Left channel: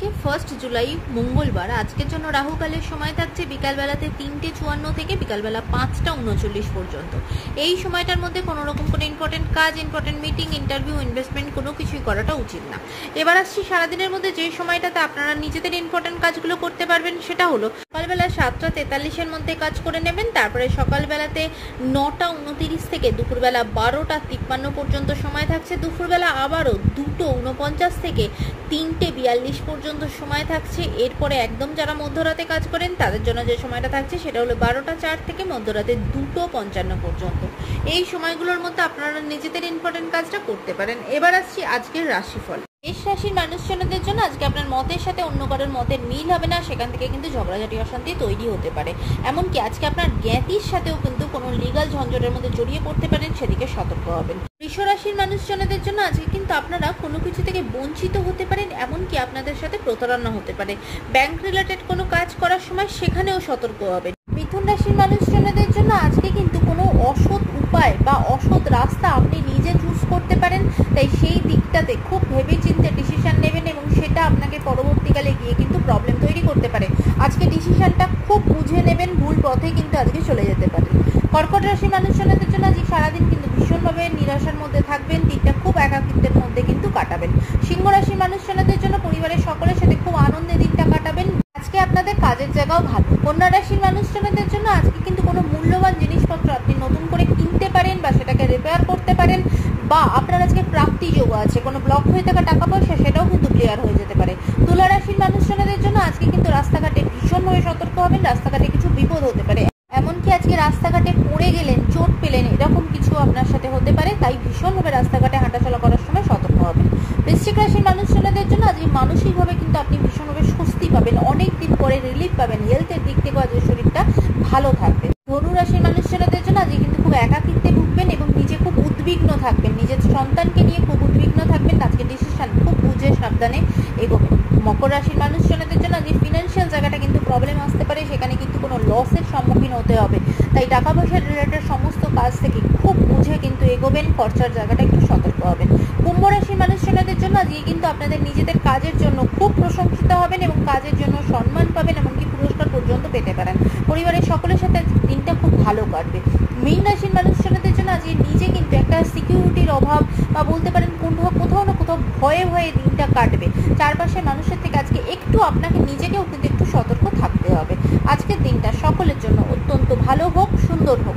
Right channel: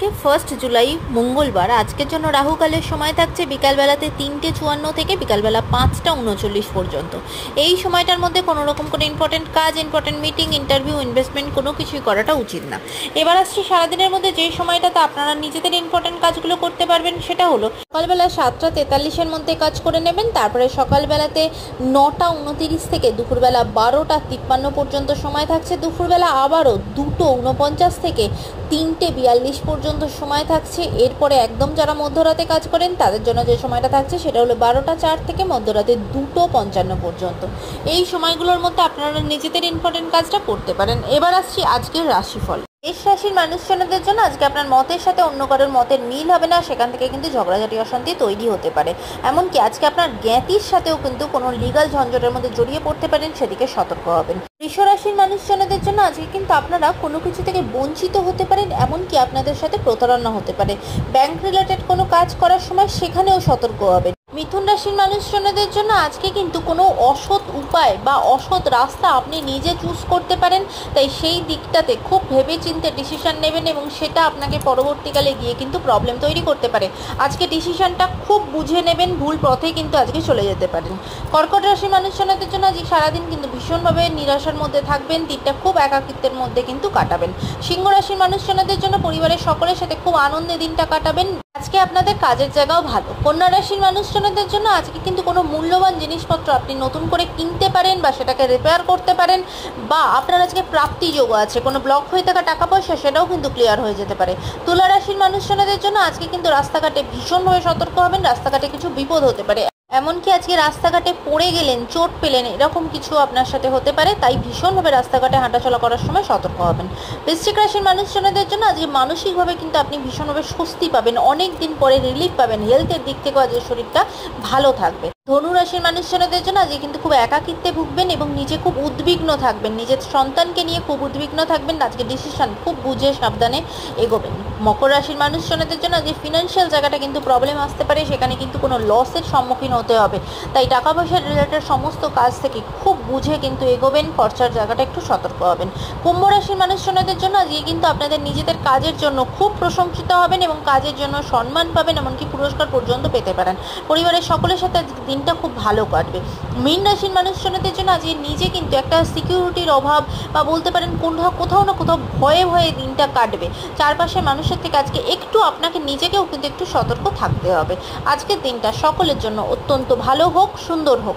আজকে 1 জুলাই মঙ্গলবার। আজকের জন্য রাহুকালের সময় থাকছে বিকালবেলাতে 3:54 থেকে বিকালবেলা 5:39 পর্যন্ত। এই সময়টার মধ্যে কোনো রকম কোনো ইম্পর্টেন্ট কাজ, ইম্পর্টেন্ট মিটিং, ইন্টারভিউ, ইনভেস্টমেন্ট কোনো কিছুই করাটা উচিত না। এবার আসছি সারাদিনের মধ্যে যে সময়টাতে আপনারা নিজেদের ইম্পর্টেন্ট কাজগুলো করতে পারবেন, সেটা হলো সকালবেলা 7:43-এর মধ্যে কাজ করে নেবেন। তারপরে সকালবেলাতে 9:29 থেকে দুপুরবেলা 12:53 পর্যন্ত সময় থাকছে। দুপুরবেলা আবারও 2:49 থেকে 3:42 পর্যন্ত সময় থাকছে। এরপরে একদম যারা মধ্যরাতে কাজ করেন তাদের জন্য যে সময়টা থাকছে সেটা হলো 12:04 থেকে মধ্যরাতে 2:55 পর্যন্ত। এই সময়গুলোর মধ্যে আপনারা নিজেদের ইম্পর্টেন্ট কাজটা করতে পারেন। এবার আসছি আজকের রাশিফল। মেষ রাশির মানুষজনদের জন্য আজকে আপনার মতের সাথে অন্য কারোর মতের মিল হবে না, সেখান থেকে কিন্তু ঝগড়াঝাটি অশান্তি তৈরি হতে পারে। এমনকি আজকে আপনার জ্ঞাতির সাথেও কিন্তু কোনো লিগাল ঝঞ্ঝটের মধ্যে জড়িয়ে পড়তে পারেন, সেদিকে সতর্ক হবেন। বৃষ রাশির মানুষজনদের জন্য আজকে কিন্তু আপনারা কোনো কিছু থেকে বঞ্চিত হতে পারেন, এমনকি আপনাদের সাথে প্রতারণা হতে পারে। ব্যাংক রিলেটেড কোনো কাজ করার সময় সেখানেও সতর্ক হবেন। মিথুন রাশির মানুষজনদের জন্য আজকে কিন্তু কোনো অসৎ উপায় বা অসৎ রাস্তা আপনি নিজে চুজ করতে পারেন, তাই সেই দিকটাতে খুব ভেবেচিন্তে ডিসিশন নেবেন এবং সেটা আপনাকে পরবর্তীকালে গিয়ে কিন্তু প্রবলেম তৈরি করতে পারে। আজকে ডিসিশনটা খুব বুঝে নেবেন, ভুল পথে কিন্তু আজকে চলে যেতে পারেন। কর্কট রাশির মানুষজনদের জন্য আজকে সারাদিন কিন্তু ভীষণভাবে নিরাশার মধ্যে থাকবেন, দিনটা খুব একাকিত্বের মধ্যে কিন্তু কাটাবেন। সিংহ রাশির মানুষজনদের জন্য পরিবারের সকলের সাথে খুব আনন্দে দিনটা কাটাবেন। আজকে আপনাদের কাজের জায়গাও ভালো। কন্যা রাশির মানুষজনদের জন্য আজকে কিন্তু কোনো মূল্যবান জিনিসপত্র আপনি নতুন করে কিনতে পারেন বা সেটাকে রিপেয়ার করতে পারেন, বা আপনার আজকে প্রাপ্তি যোগ আছে। কোনো ব্লক হয়ে থাকা টাকা পয়সা সেটাও কিন্তু ক্লিয়ার হয়ে যেতে পারে। তুলা রাশির মানুষজনদের জন্য আজকে কিন্তু রাস্তাঘাটে ভীষণভাবে সতর্ক হবেন, রাস্তাঘাটে কিছু বিপদ হতে পারে। এমনকি আজকে রাস্তাঘাটে পড়ে গেলেন, চোট পেলেন, এরকম কিছু আপনার সাথে হতে পারে, তাই ভীষণভাবে রাস্তাঘাটে হাঁটাচলা করার সময় সতর্ক হবেন। বৃশ্চিক রাশির মানুষজনদের জন্য আজকে মানসিকভাবে কিন্তু আপনি ভীষণভাবে স্বস্তি পাবেন, অনেক দিন পরে রিলিফ পাবেন। হেলথের দিক থেকেও আজকে শরীরটা ভালো থাকবে। ধনু রাশির মানুষজনদের জন্য আজকে কিন্তু খুব একাকিত্বে ভুগবেন এবং নিজে খুব উদ্বিগ্ন থাকবেন, নিজের সন্তানকে নিয়ে খুব উদ্বিগ্ন থাকবেন। আজকে ডিসিশন খুব বুঝে সাবধানে এগোবেন। মকর রাশির মানুষজনদের জন্য আজকে ফিনান্সিয়াল জায়গাটা কিন্তু প্রবলেম আসতে পারে, সেখানে কিন্তু কোনো লসের সম্মুখীন হতে হবে, তাই টাকা পয়সার রিলেটেড সমস্ত কাজ থেকে খুব বুঝে কিন্তু এগোবেন, খরচার জায়গাটা একটু সতর্ক হবেন। কুম্ভ রাশির মানুষজনদের জন্য আজকে কিন্তু আপনাদের নিজেদের কাজের জন্য খুব প্রশংসিত হবেন এবং কাজের জন্য সম্মান পাবেন, এমনকি পুরস্কার পর্যন্ত পেতে পারেন। পরিবারের সকলের সাথে দিনটা খুব ভালো কাটবে। মীন রাশির মানুষজনদের জন্য আজকে নিজে কিন্তু একটা সিকিউরিটির অভাব বা বলতে পারেন কোথাও না কোথাও ভয়ে ভয়ে দিনটা কাটবে। চারপাশের মানুষের থেকে আজকে একটু আপনাকে নিজেকেও কিন্তু একটু সতর্ক থাকতে হবে। আজকের দিনটা সকলের জন্য অত্যন্ত ভালো হোক, সুন্দর হোক।